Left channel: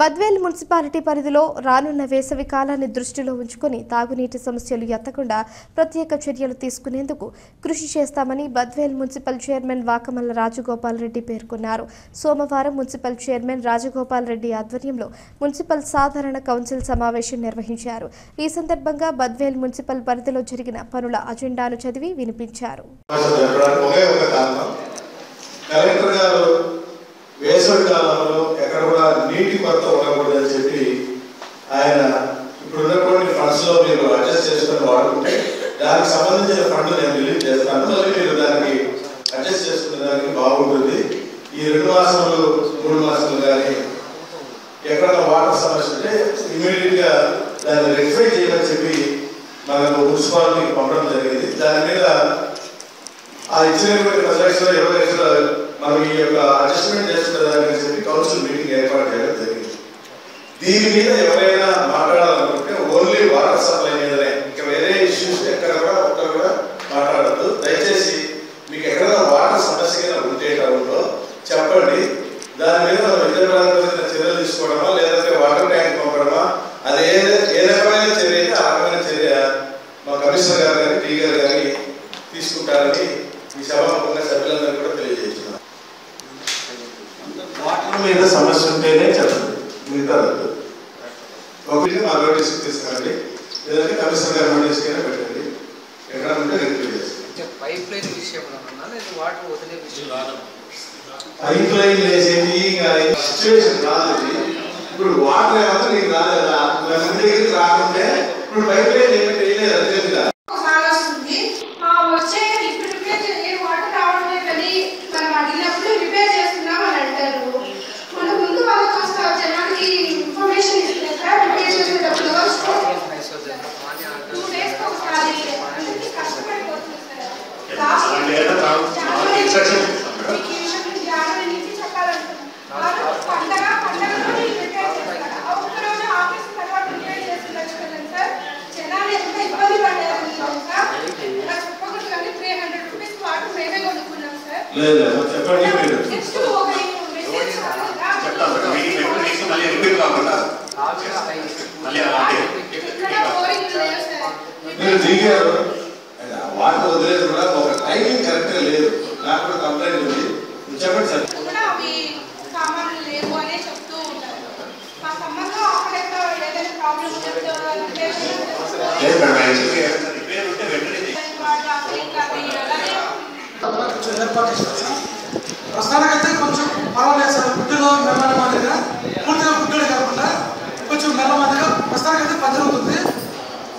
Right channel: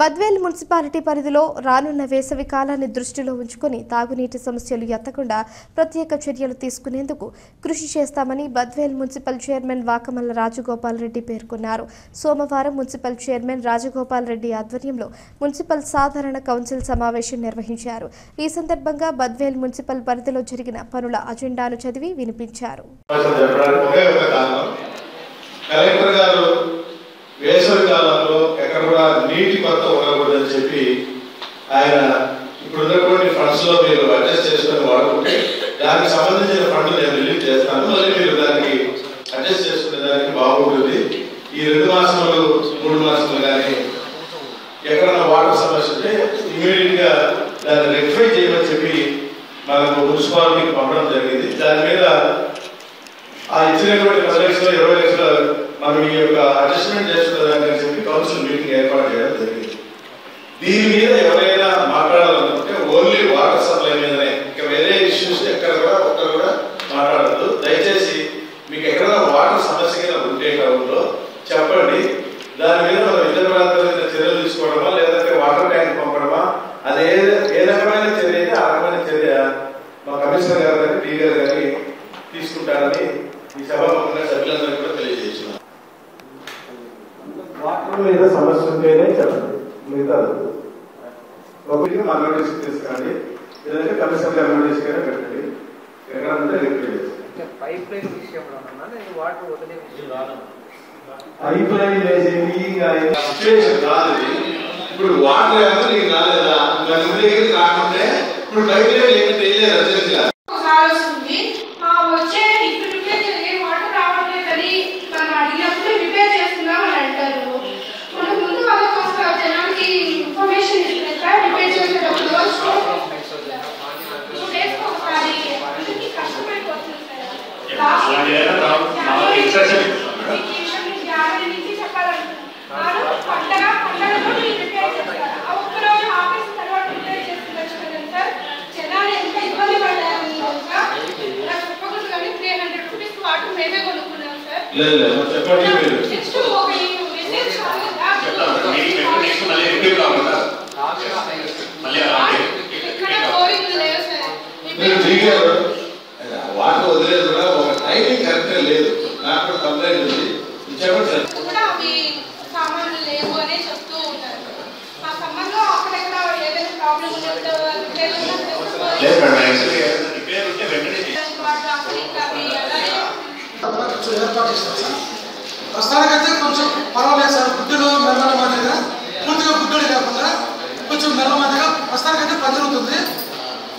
Badvel municipality పరిధిలో రానున్న వేసవి కాలాన్ని దృష్టిలో ఉంచుకొని తాగునీటి సమస్యలు ఎత్తకుండా ప్రత్యేక చర్యలు తీసుకునేందుకు కృషి చేస్తామని బద్వేల్ మున్సిపల్ చైర్మన్ వాకమల్ల రాజగోపాల్ రెడ్డి పేర్కొన్నారు. సోమవారం మున్సిపల్ చైర్మన్ రాజగోపాల్ రెడ్డి ఆధ్వర్యంలో మున్సిపల్ సాధారణ కౌన్సిల్ సమావేశం నిర్వహించారు. ఈ సందర్భంగా బద్వేల్ మున్సిపల్ పరిధిలో జరిగిన పనుల అజెండాను చదివి వినిపించారు. వేసవి కాలంలో ఎక్కడ కూడా నీటి కొరత ఉండకూడదని చెప్పి ఆయన ఇప్పుడు ఉన్నటువంటి ఫండ్స్ లో మీరు అడ్జస్ట్ చేసుకొని వాడుకుంటే దానికి సంబంధించిన ఫండ్ నేను రిలీజ్ చేస్తాను. మళ్ళీ మీరు దానికి అడ్జస్ట్ చేసుకునే దానికి బాగుంటుంది. ఈ 2 మాసాలు 3 మాసాలు కానీ ఎక్కడైనా వాటర్ సమస్య ఉంటే ఇమీడియట్ గా దాన్ని రెక్టిఫై చేయమని చెప్పి మనకు మున్సిపాలిటీకి పంపడం జరిగింది. దాని మీద ఆ ఇచ్చినటువంటి 10 లక్షలు 20 లక్షలు మనం ఈ యొక్క అడ్జస్ట్మెంట్ చేసుకునేదాన్ని చెప్పి కౌన్సిల్ మీటింగ్ ఏర్పాటు చేయడం జరిగింది. దీని మీద ఎవరైనా మాట్లాడాలనుకుంటే ఓన్లీ వాటర్ సప్లై మీదనే, ఇంకా వేరే ఇష్యూస్ ఎక్కడ కూడా ఒక్కరు కూడా మాట్లాడద్దు. దయచేసి మీకు ఎక్కడైనా వాటర్ సమస్య ఉంటే టౌన్లో చెప్పండి. దాని మీద మనం విద్యాపరమైన చర్యలు తీసుకోవడమా లేదంటే వాటర్ ట్యాంక్ పంపడమా, అది ఏ రకమైన చర్య అయితే ఆ రకమైన చర్య మా కమిషనర్ గారు కానీ టీ గారు కానీ తీసుకుంటారని ఈ సభాముఖంగా సభ్యులందరూ కూడా తెలియజేస్తున్నారు. వాటర్ మీద సమస్య ఉంటేనే చెప్పండి, మిగతా ఒకటి మా నోటీస్ తీసుకురండి, లేదంటే కమిషనర్ గారి నోటీస్ కైనా పెట్టండి. ఎక్కడ ఉంటే రెగ్యులర్ చేస్తాను. పైప్ లైన్ విషయంలో పైప్ లైన్ వేసేది సిచ్యువేషన్ కాదు. ఇప్పుడు వాటర్ ఏమో నీకు రాలేదా, రాకుంటే ఇప్పుడు పైప్ లైన్ ఏమి తెలియలేదు అర్థం. వాటర్ వదిలేదు కూడా ఒక టైమింగ్ కరెక్ట్ లేదు. నాకు కూడా కంప్లైంట్ ఉంది, చెప్పండి సార్. సామాన్లు లేవు అనే చెప్తూ ఉన్నారు. మా సంబంధం అక్కడెక్కడ ఏదైనా ప్రాబ్లం ఏర్పాటు చేస్తారు సార్. ప్రస్తుతానికైతే కొంచెం పర్వాలేదు సార్. గుడ్డులో మెల్లల మాదిరిగా, పూర్తిగా గుడ్డోడి కాకుండా కొంచెం మెల్ల మాదిరిగా ప్రస్తుతానికైతే పని జరుగుతుంది.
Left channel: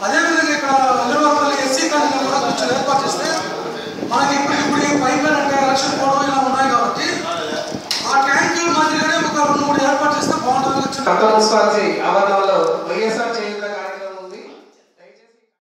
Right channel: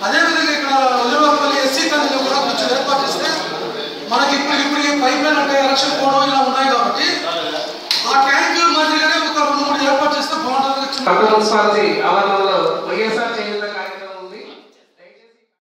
అదేవిధంగా ఇక్కడ అల్లూరుపల్లి ఎస్సీ కాలనీలో కూడా కొంచెం ఏర్పాటు చేస్తే మనకి ఇప్పుడు పైప్ లైన్ అంటే ఎలక్షన్ కోడ్ ఇలా ఉన్నాయి కాబట్టి ఆ ట్యాంక్ మాదిరిగానే ఒక 2-3 ఏర్పాటు చేస్తే బాగుంటుంది. మున్సిపాలిటీ ఆవరణలో వైఎస్ఆర్